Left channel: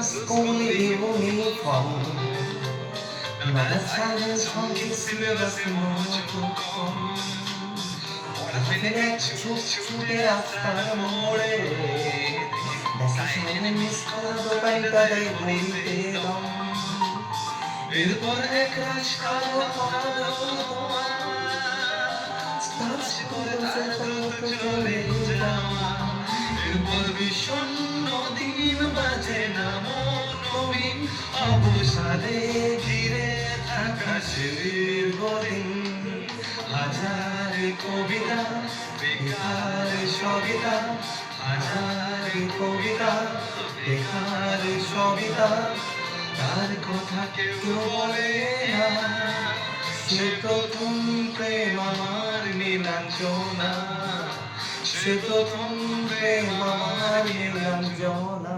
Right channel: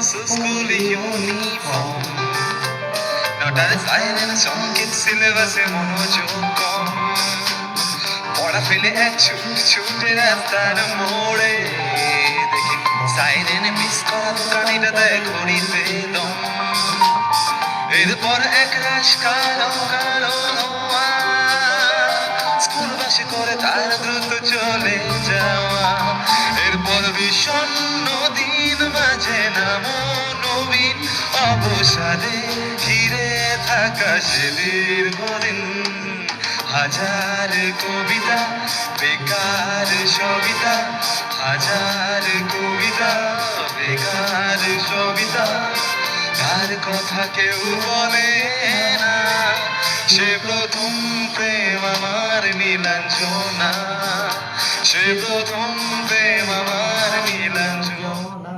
school uniform. Not a silent song in syllabus মনোযোগ কম পড়া ফেলে এক ছুটে রাস্তার মোড়ে দেখি সাইরেন মিস কল গাড়িটা দেয় ঘড়িতে দম এরপর এক রাশ কালো কালো ধোঁয়া স্কুল বাসে করে তার দ্রুত চলে যাওয়া এরপর বিষণ্ণ দিন বাজে না নবীন অবসাদে ঘিরে থাকা সে দীর্ঘদিন হাজার কবিতা বেকার সবিতা হাজার কবিতা বেকার সবিতা তার কথা কেউ বলে না সে প্রথম প্রেম আমার নীলাঞ্জনা সে প্রথম প্রেম আমার নীলাঞ্জনা